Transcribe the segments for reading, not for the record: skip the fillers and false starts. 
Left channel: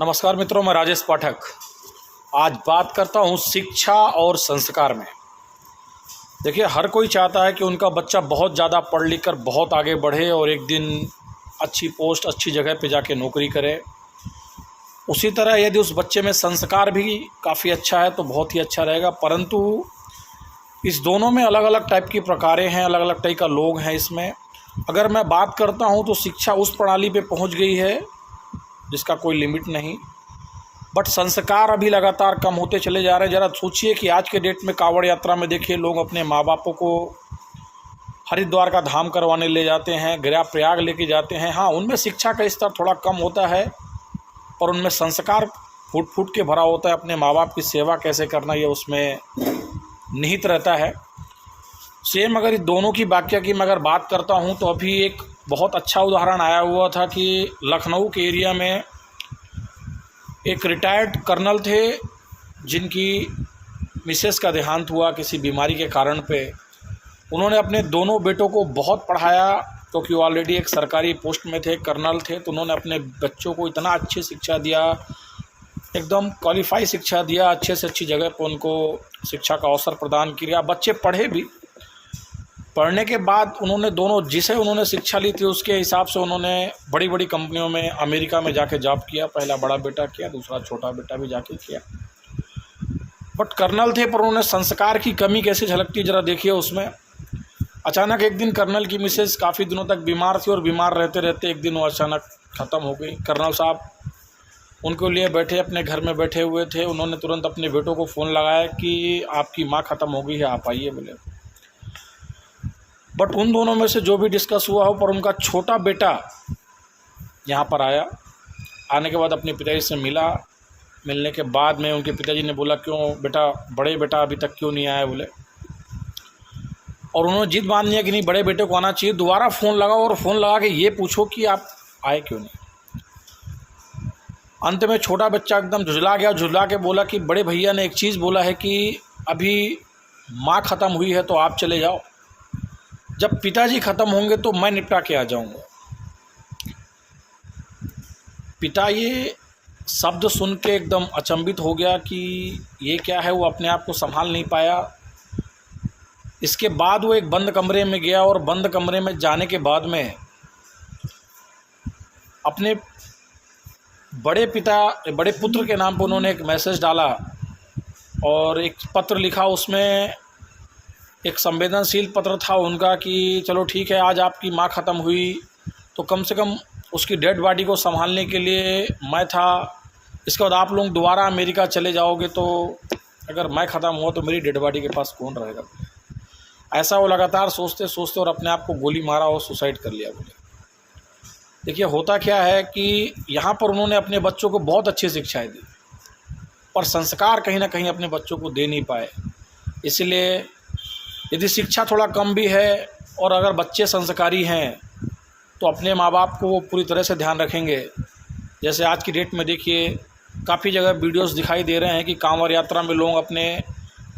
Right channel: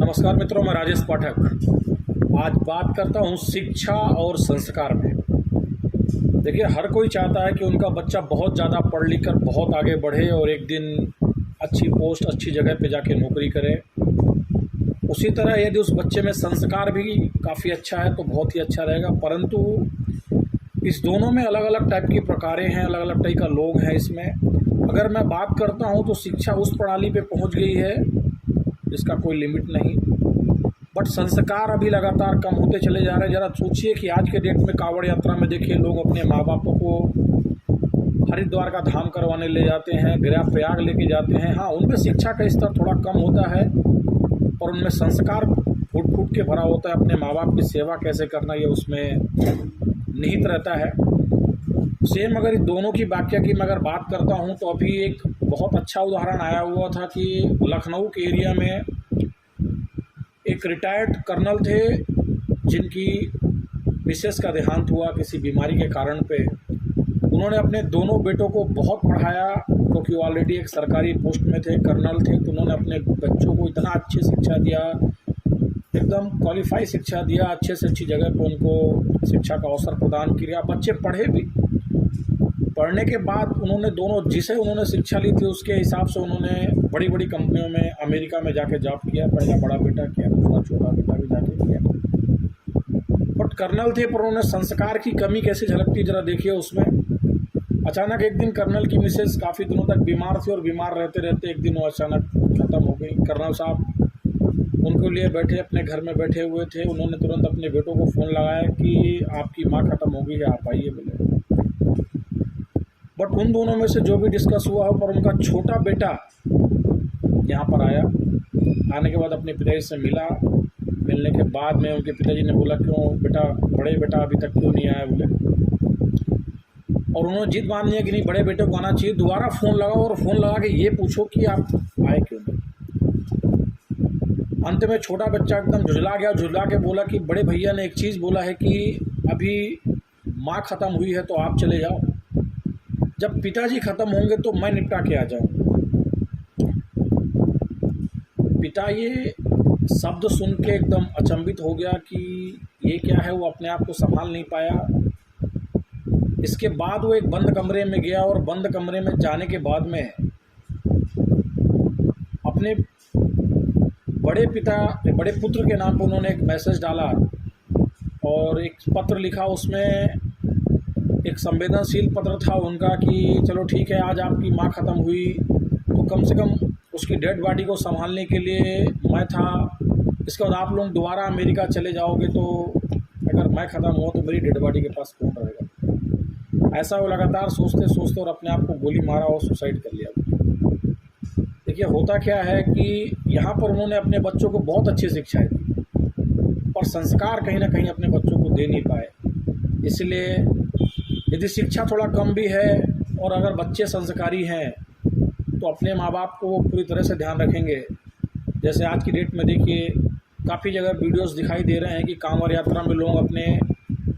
नमस्कार मित्रों, मैं राजेश पाठक आज बात करता हूँ शिक्षा और संस्कार में। देखिए, हर कोई चाहता है कि उनका बच्चा बहुत ज़्यादा पढ़ लिख कर बहुत आगे बढ़े और एक दिन अच्छी पोस्ट, अच्छी जगह पे जाके नौकरी करे। उसी तरह यदि उस बच्चे में संस्कार भी काफ़ी अच्छा है तो बहुत ही अच्छा रहेगा। परंतु इस दोनों में अलग अलग टाइप की प्रकारें हैं, अलग अलग टाइप का लोग हैं इसमें। अगर मैं बात करता हूँ तो शिक्षा उस प्रणाली पे पहुँच गई है जिसका कोई लिमिट नहीं, बट संस्कार अभी लगातार कम होते चले जा रहे हैं। ज़रा सोचिए कि आज के डेट में कांवड़ यात्रा में देखिए, लोग अपने माँ बापों को हरिद्वार का धाम करवाने ले जाते हैं, गया प्रयाग लेके जाते हैं। हाँ, उनमें शिक्षा का स्तर थोड़ा कम होता है और उनमें संस्कार फूट फूट के भरा होता है। अपने माँ बाप की सेवा कैसे करना ये उसमें निहित रहता है। सेम अगर इस दोनों की वाक्य की मैं अगर बात करता हूँ तो अभी एक बहुत अच्छा उदाहरण आया हुआ था कि लखनऊ के एरिया में एक रिटायर्ड कर्नल थे जिनकी मिसेस का देहांत हुआ किसी बीमारी के कारण पे। उन्होंने अपने दोनों बेटों को बहुत पढ़ाया क्योंकि वो ऑलरेडी एक सरकारी पोस्ट में थे, कर्नल थे। तो उन्होंने अपने बच्चों को इतना अच्छी शिक्षा दिया, एकदम क्वालिफाई शिक्षा दिया, अच्छे से अच्छी जगह पर उनको शिक्षा का अवसर प्रदान किया। बच्चे पढ़े भी। पढ़ने के बाद उन्होंने दोनों जिसे उन्होंने शिक्षा ली थी उसके हिसाब से उन्होंने बड़ी बड़ी कंपनियों में अमेरिका में जाके जॉब किया। पहला बड़ा बेटा किया, दूसरा छोटा बेटा भी जाके किया। बट कर्नल थे पर उन्होंने संस्कार की कमी कैसे झलकती ज़रा देखिए उसमें। अचानक एक दिन कर्नल की मिसेज काफ़ी दिनों तक बीमार थी और बीमार रहते रहते एक दिन वो अचानक ख़त्म हो गई। कर्नल साहब उनको लिए बैठे, अपने घर में बैठे हुए थे। उन्होंने तुरंत अपने बेटों को फ़ोन लगाया कि आपकी माँ ख़त्म हो गई है, आप आइए बोले। बट उन दोनों में से जो भी डिस्कस हुआ हो, पर उनका छोटा बेटा यहाँ पर आया। आने के बाद अपने पिताजी से मिला। मिलने के बाद में उनके पिताजी ने बोला, क्यों बेटा, बड़े बेटा अभी तक क्यों नहीं आया बोले। और उन्होंने जिद मान लिया कि नहीं, बड़े बेटे को आना चाहिए। दोबारा फ़ोन लगाओ और फ़ोन लगा के ये पूछो कि आप आए क्यों नहीं। अंत में छोटा बच्चा एकदम झुझला गया, झुझला के बोला कि बड़े भैया ने एक चीज़ बोला है कि अभी माँ ख़त्म हुई है तो आप चले जाओ, जब पिताजी ख़त्म होंगे तो मैं निपटा के आ जाऊँगा। पिता ये शब्द सुन के एकदम अचंभित हो गया कि ये क्या है। वो अपने आप को संभाल नहीं पाया। इसके बाद वो एक बंद कमरे में गया और बंद कमरे में जाने के बाद में अपने बड़े पुत्र के नाम पर उन्होंने एक मैसेज डाला और एक पत्र लिखा। उसमें एक संवेदनशील पत्र था उनका कि चलो ठीक है, आज आपकी माँ ख़त्म हुई तो कम से कम उसकी डेड बॉडी को संभालने के लिए मैं था। इसके बाद आप लोग दोबारा अमेरिका चले जाओगे तो अगर मैं ख़त्म हुआ तो मेरी डेड बॉडी के पास कौन रहेगा। ऐसा वो लगातार सोचते सोचते और अपने आप को गोली मारा और सुसाइड कर लिया। देखिए, होता क्या है कि यहाँ पर उन्होंने अपने बच्चों को बहुत अच्छी शिक्षाएँ दी पर संस्कार कहीं ना कहीं अपने बच्चों को दे नहीं पाए। इसलिए यदि शिक्षा थोड़ा कम भी है और अगर बच्चे संस्कारी हैं तो अपने माँ बाप को वो पूरी तरह से ध्यान रखेंगे। जैसे आज की डेट में देखिए, काफ़ी जगह वीडियोस दिखाई दे रहे हैं कि कांवड़ यात्रा में लोग अपने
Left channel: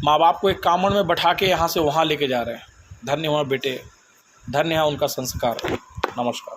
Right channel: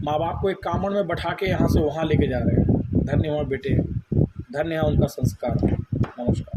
माँ बाप को एक कांवड़ में बैठा के यहाँ से वहाँ लेके जा रहे हैं। धन्य हो बेटे, धन्य है उनका संस्कार। नमस्कार।